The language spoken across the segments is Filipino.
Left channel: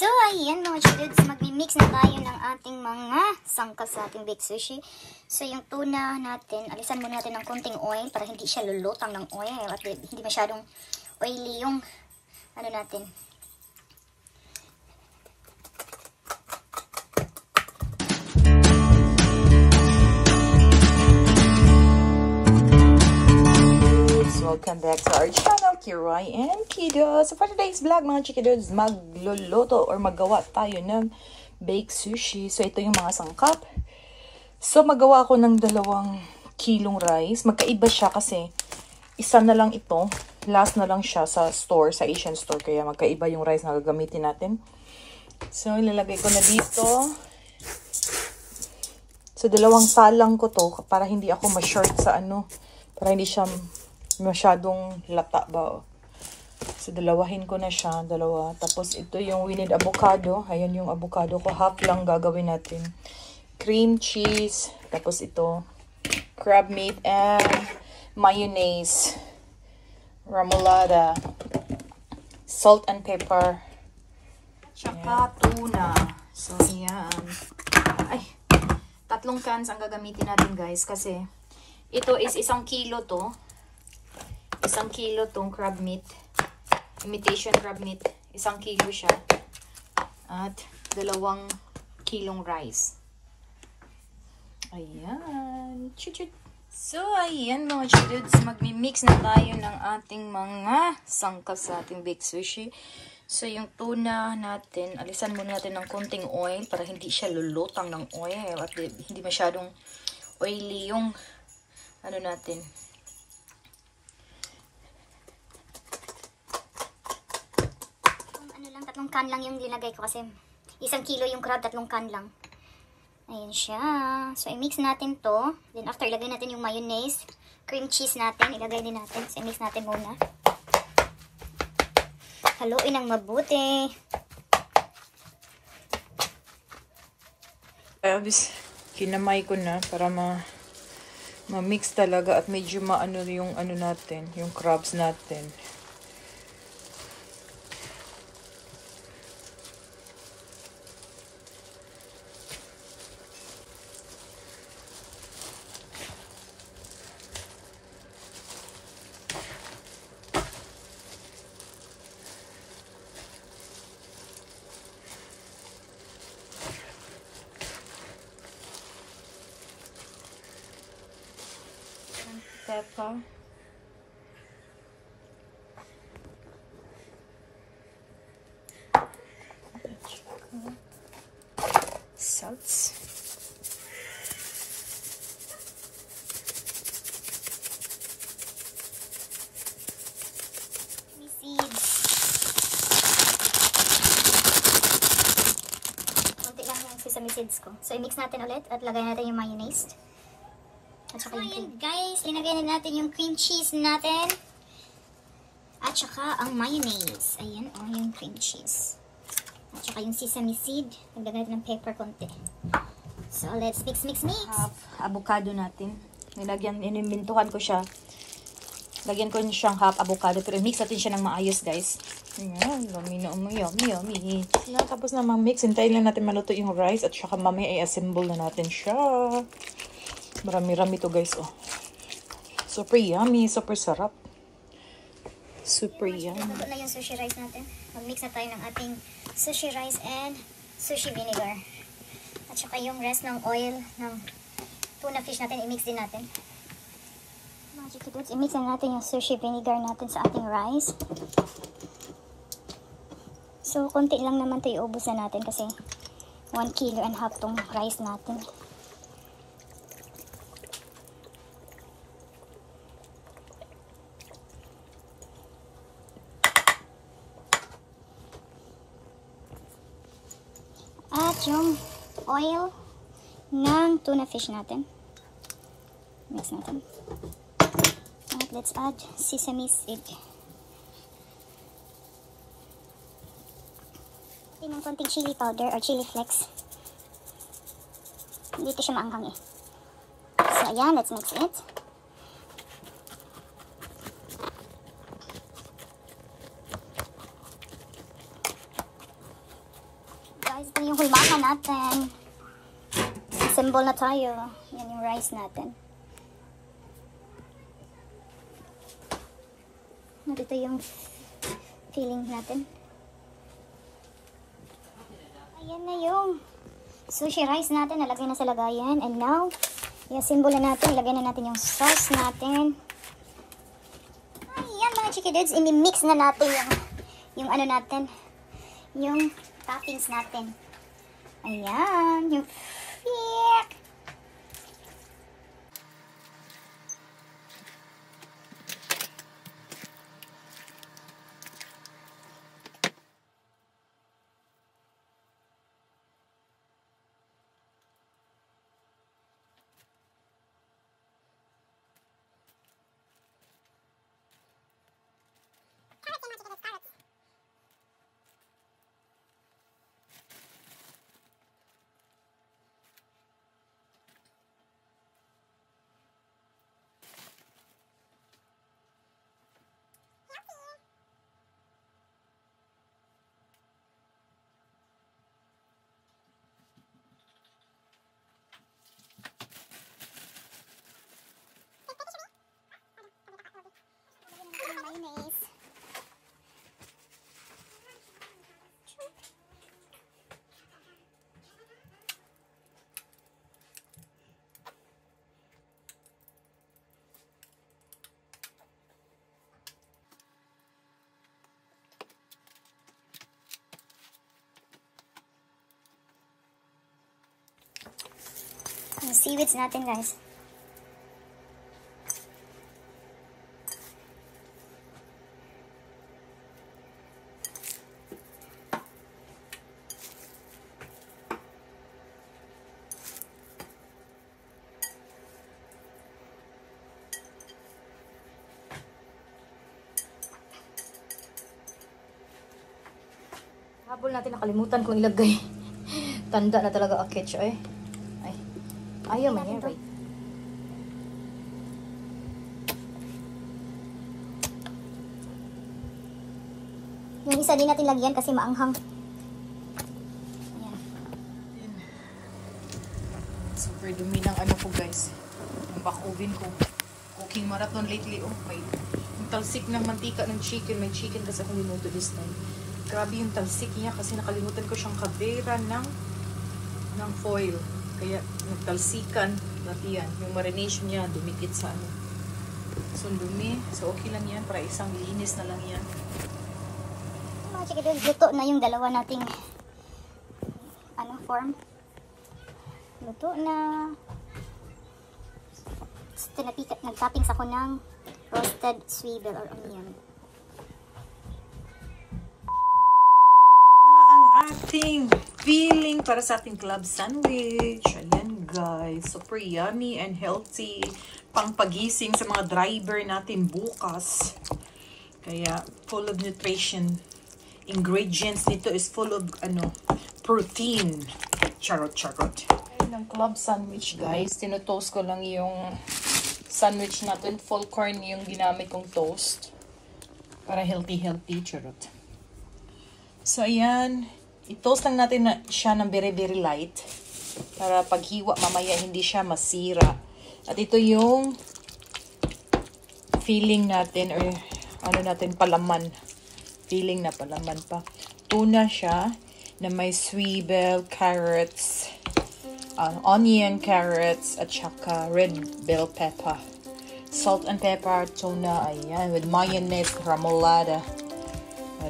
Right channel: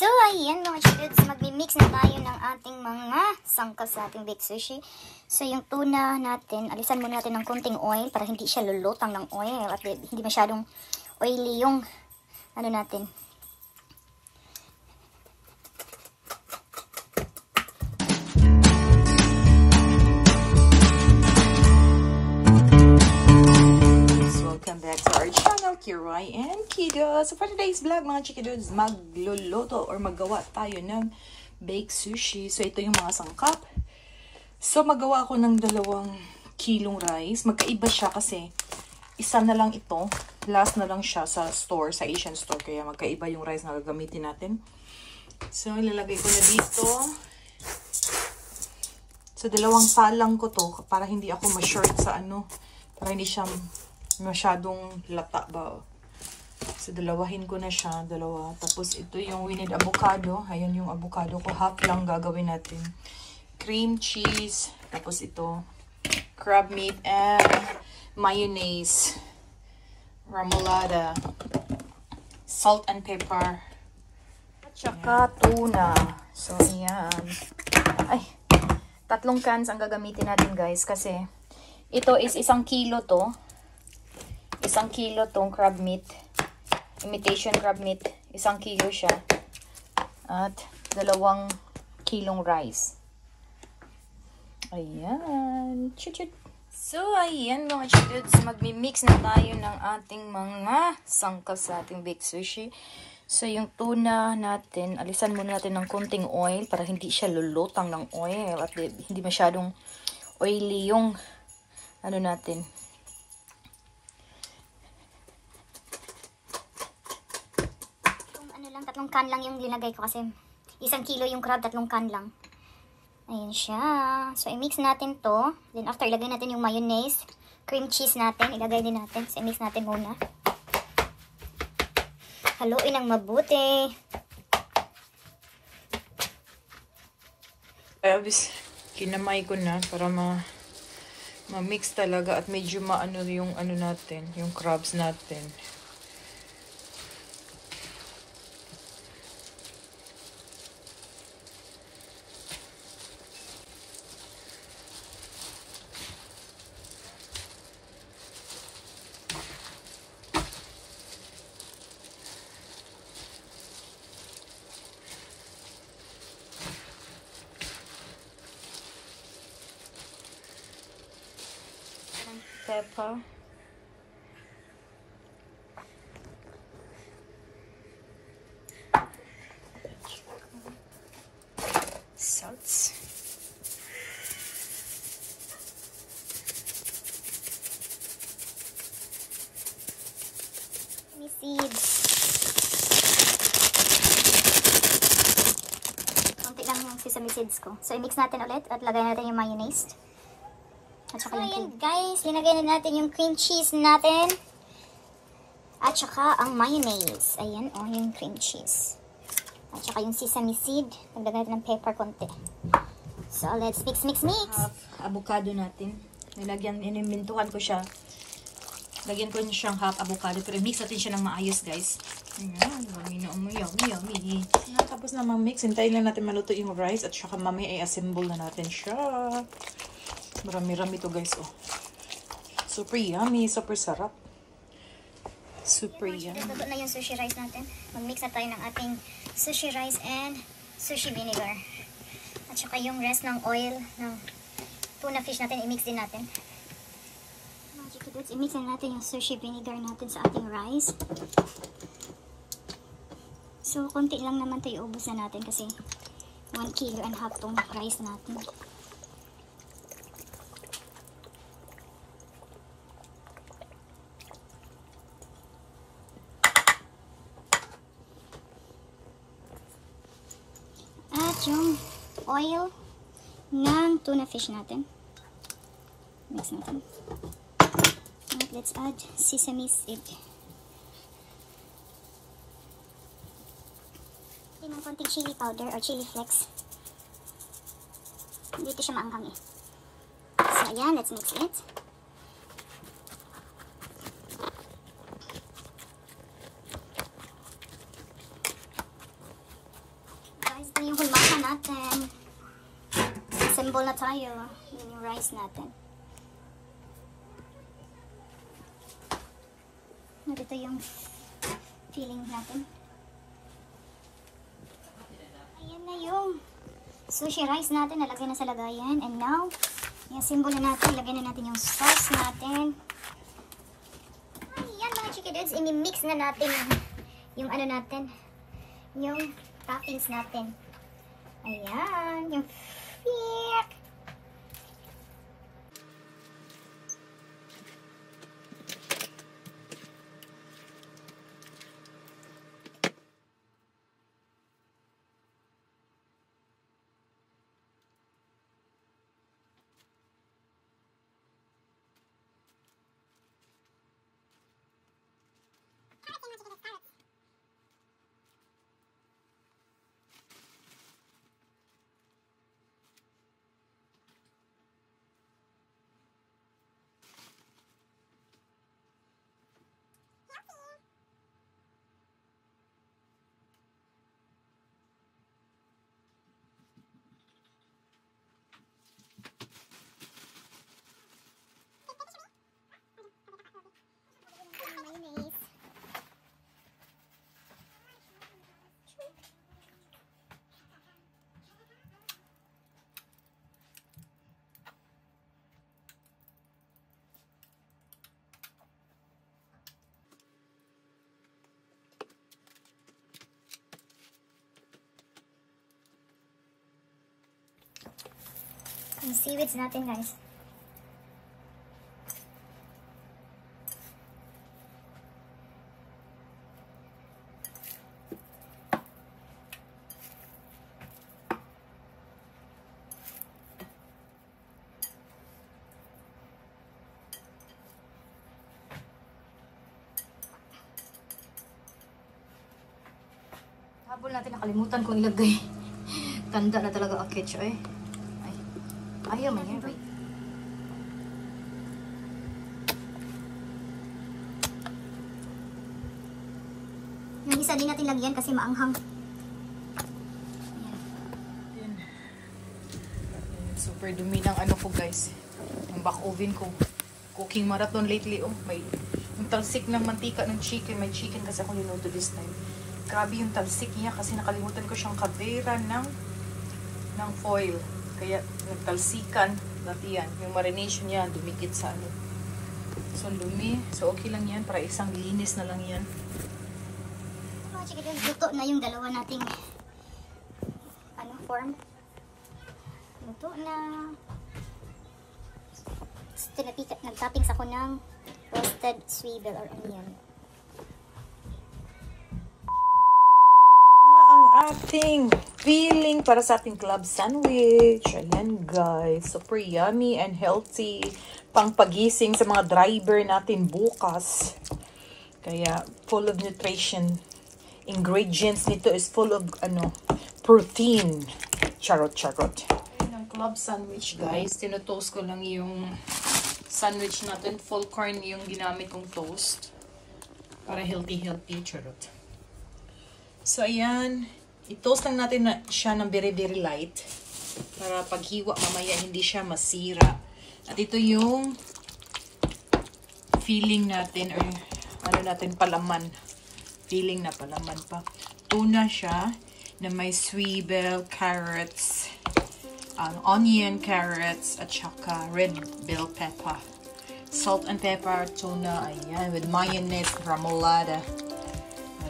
So, ayan mga chiluds, magmi-mix na tayo ng ating mga sangkap sa ating baked sushi. So, yung tuna natin, alisan muna natin ng konting oil para hindi siya lulutang ng oil at hindi masyadong oily yung ano natin. Welcome back to our channel, Kiroy and Kido. So for today's vlog mga chikidods, magluluto or maggawa tayo ng baked sushi. So ito yung mga sangkap. So magawa ako ng 2 kilong rice. Magkaiba siya kasi isa na lang ito. Last na lang siya sa store, sa Asian store. Kaya magkaiba yung rice na gagamitin natin. So ilalagay ko na dito. So 2 salang ko to para hindi ako ma-short sa ano. Para hindi siya masyadong lata ba. So, dalawahin ko na siya. 2. Tapos, ito yung we need avocado. Ayan yung avocado ko. Half lang gagawin natin. Cream cheese. Tapos, ito. Crab meat and mayonnaise. Remoulade. Salt and pepper. Tsaka tuna. So, ayan. Ay, 3 cans ang gagamitin natin, guys. Kasi, ito is 1 kilo to. 1 kilo tong crab meat. Imitation crab meat. 1 kilo siya. At 2 kilong rice. Ayan. Chut-chut. So, ayan mga chiluds. Magmi-mix na tayo ng ating mga sangkap sa ating baked sushi. So, yung tuna natin, alisan muna natin ng konting oil para hindi siya lulutang ng oil. At hindi masyadong oily yung ano natin. Tatlong can lang yung linagay ko kasi 1 kilo yung crab, 3 can lang. Ayan siya. So, i-mix natin to. Then, after, ilagay natin yung mayonnaise. Cream cheese natin. Ilagay din natin. So, i-mix natin muna. Haluin ng mabuti. Abis, kinamay ko na para ma-mix talaga at medyo maano yung ano natin, yung crabs natin. Pepper. Salts. Seeds. Konti lang yung sesame seeds ko. So, i-mix natin ulit at lagay natin yung mayonnaise. At saka yung guys, linagay na natin yung cream cheese natin. At saka ang mayonnaise. Ayan, yung cream cheese. At saka yung sesame seed. Pagdagay natin ng pepper konti. So, let's mix. Avocado natin. Inimintukan ko siya. Lagyan ko siyang half avocado. Pero mix natin siya ng maayos, guys. Ayan, yummy. Tapos na mix, hintayin lang natin maluto yung rice. At saka mamaya i-assemble na natin siya. Marami-rami to guys, oh. Super yummy, super sarap. Super yummy. Luto na yung sushi rice natin. Mag-mix na tayo ng ating sushi rice and sushi vinegar. At saka yung rest ng oil ng tuna fish natin, i-mix din natin. I-mix na natin yung sushi vinegar natin sa ating rice. So, konti lang naman ito iubos na natin kasi 1.5 kilo tong rice natin. At yung oil ng tuna fish natin. Mix natin. At let's add sesame seed. Ng konting chili powder or chili flakes. Dito siya maanghang eh. So ayan, let's mix it. natin. Symbol na tayo. Yan yung rice natin. Dito yung filling natin. Ayan na yung sushi rice natin. Nalagay na sa lagayan. And now, yung symbol na natin. Ilagay na natin yung sauce natin. Ayan mga chiki dudes. I-mix na natin yung ano natin. Yung toppings natin. Ayan. Yung fiyak. Yung seaweeds natin, guys. Habol natin, nakalimutan kong ilagay. Tanda na talaga ang ketchup eh. Ayaw man yan. Yung isa din natin lagyan kasi maanghang. Yan. Super dumi ng ano ko guys. Yung back oven ko. Cooking marathon lately. Oh, may yung talsik ng mantika ng chicken. May chicken kasi ako linuto this time. Grabe yung talsik niya kasi nakalimutan ko siyang kavera ng foil. Kaya nagtalsikan, dati yan. Yung marination niya, dumikit sa ano. So, lumi. So, okay lang yan. Para isang linis na lang yan. Mga chikidol, luto na yung dalawa nating form. Luto na. Nagtoppings ako ng roasted swivel or onion. Ating filling para sa ating club sandwich. Ayan guys, super yummy and healthy. Pang pagising sa mga driver natin bukas. Kaya full of nutrition. Ingredients nito is full of protein. Charot. Ang club sandwich guys, tinotoast ko lang yung sandwich natin. Full corn yung ginamit kong toast. Para healthy. Charot. So ayan. I-toast lang natin siya ng very light para paghiwa mamaya hindi siya masira. At ito yung filling natin or palaman. Filling na palaman pa. Tuna siya na may swivel, carrots, onion, carrots, at saka red bell pepper. Salt and pepper, tuna, ayan, with mayonnaise, remoulade.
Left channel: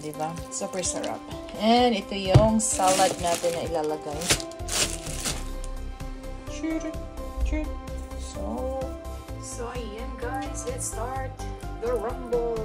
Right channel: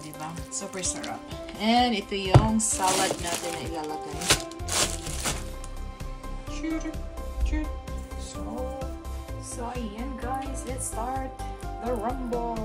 Diba? Super sarap. And ito yung salad natin na ilalagay. So ayan guys, let's start the rumble.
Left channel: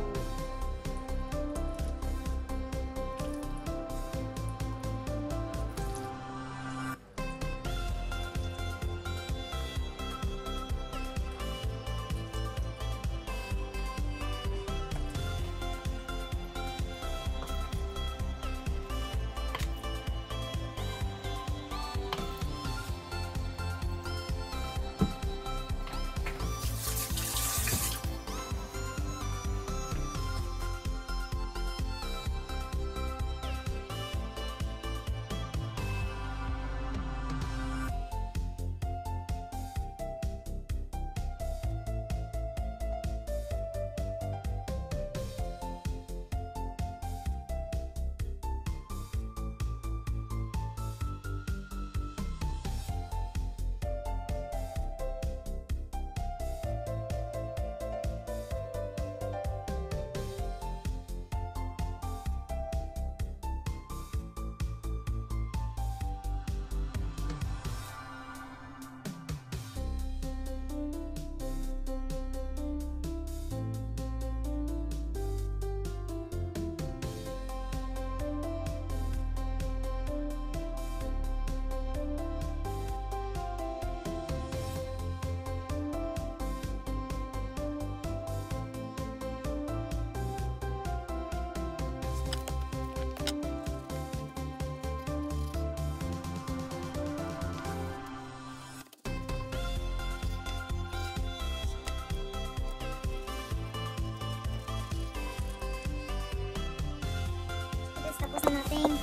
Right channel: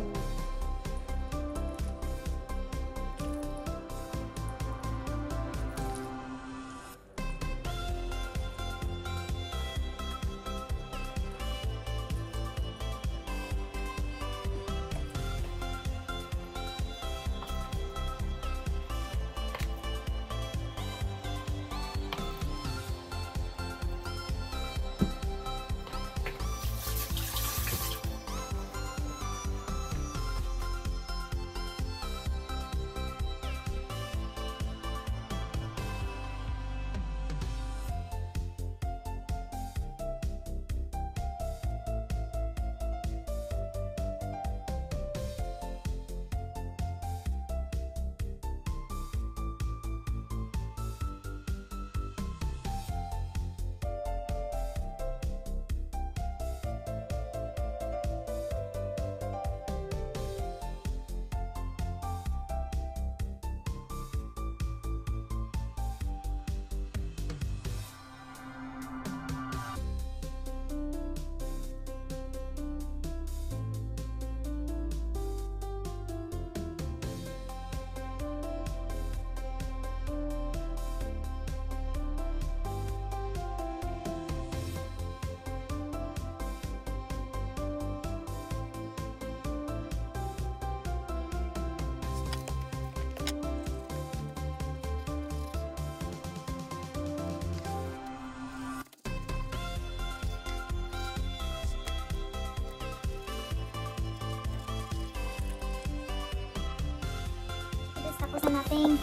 Tapos na natin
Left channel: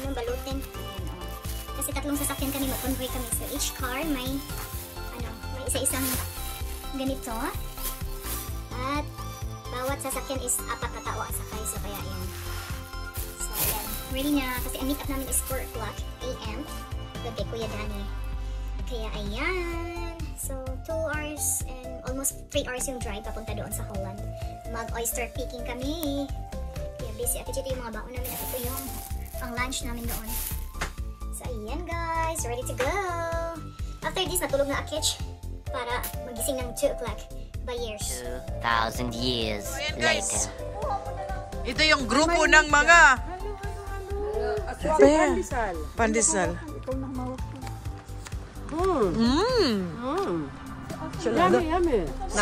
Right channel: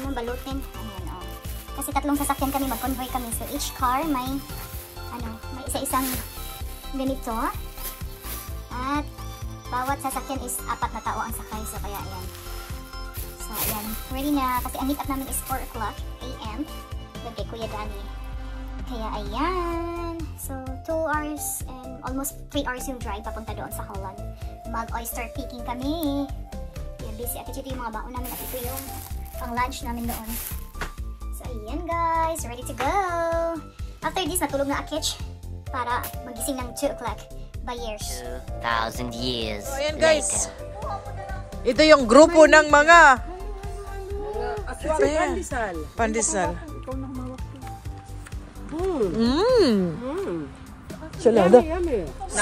yung balutin. Ayan, oh. Kasi tatlong sasakyan kami, mag-convoy kami. So each car may may isa-isang ganito. At bawat sasakyan is 4 na tao ang sakay. So kaya ayan. So ayan, ready na. Kasi ang meet up namin is 4 o'clock AM. Dati Kuya Danny. Kaya ayan. So 2 hours and almost 3 hours yung drive papunta doon sa Holland. Mag-oyster picking kami. Kaya busy. At ito yung mga baon namin. At ito yung pang lunch namin doon. So ayan guys, ready to go. After this, natulog na Akich para magising ng 2 o'clock by years. 2,000 years So, ayan guys. later. Ito yung grupo ng mga pandesal. Sila do.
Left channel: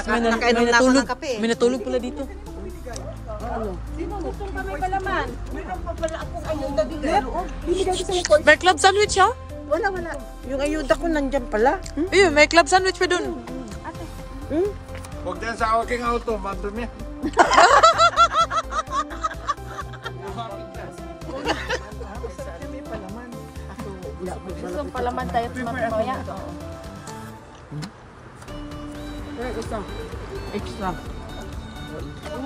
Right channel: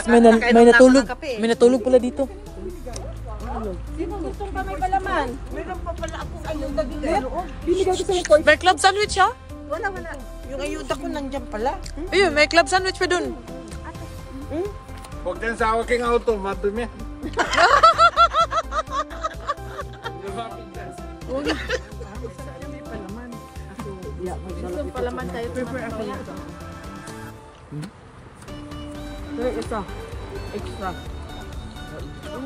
May natulog pala dito. May club sandwich ha? Wala. Yung ayuda ko nandyan pala. Ayun, may club sandwich pa dun. Huwag din sa aking auto, madumi. Palaman tayo mamaya. Ito. Extra.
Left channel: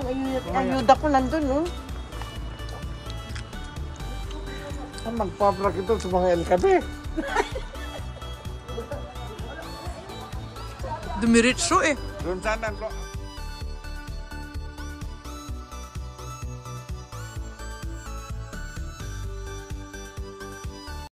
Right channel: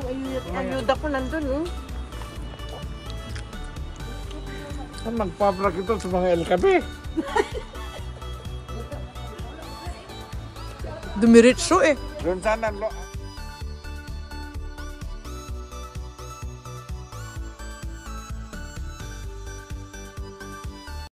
Yung ayuda ko nandun, oh. Magpa-vlog ito sa mga LKB. Dumiretso eh. Doon sana,